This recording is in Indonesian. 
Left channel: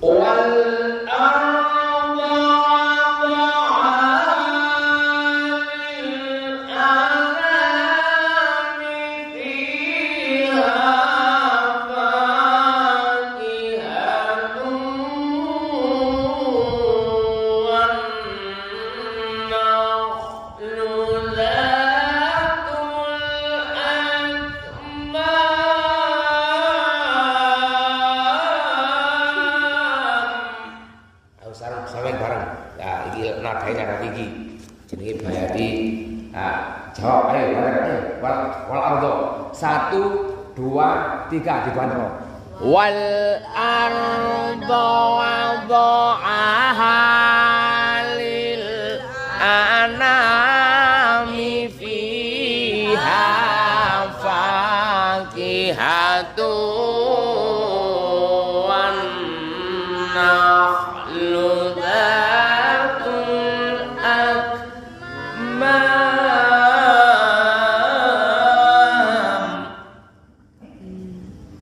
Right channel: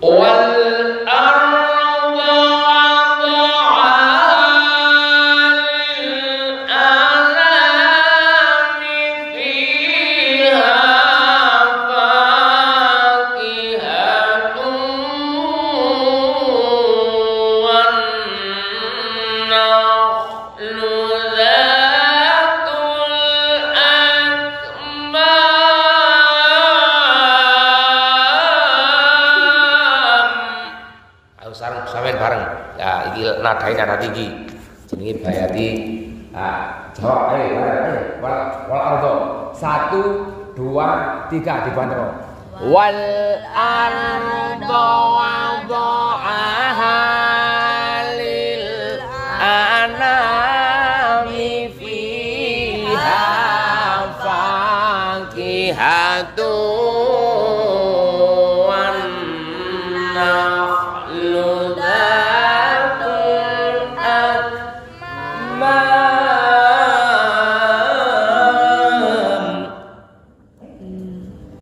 wal arda bareng. Ya, iki nadane nada tinggi. Jenenge Bayati. Nah, jawab ayo bareng. Wal ardo. 1 2 3 dibantu. Wal ardo wada'aha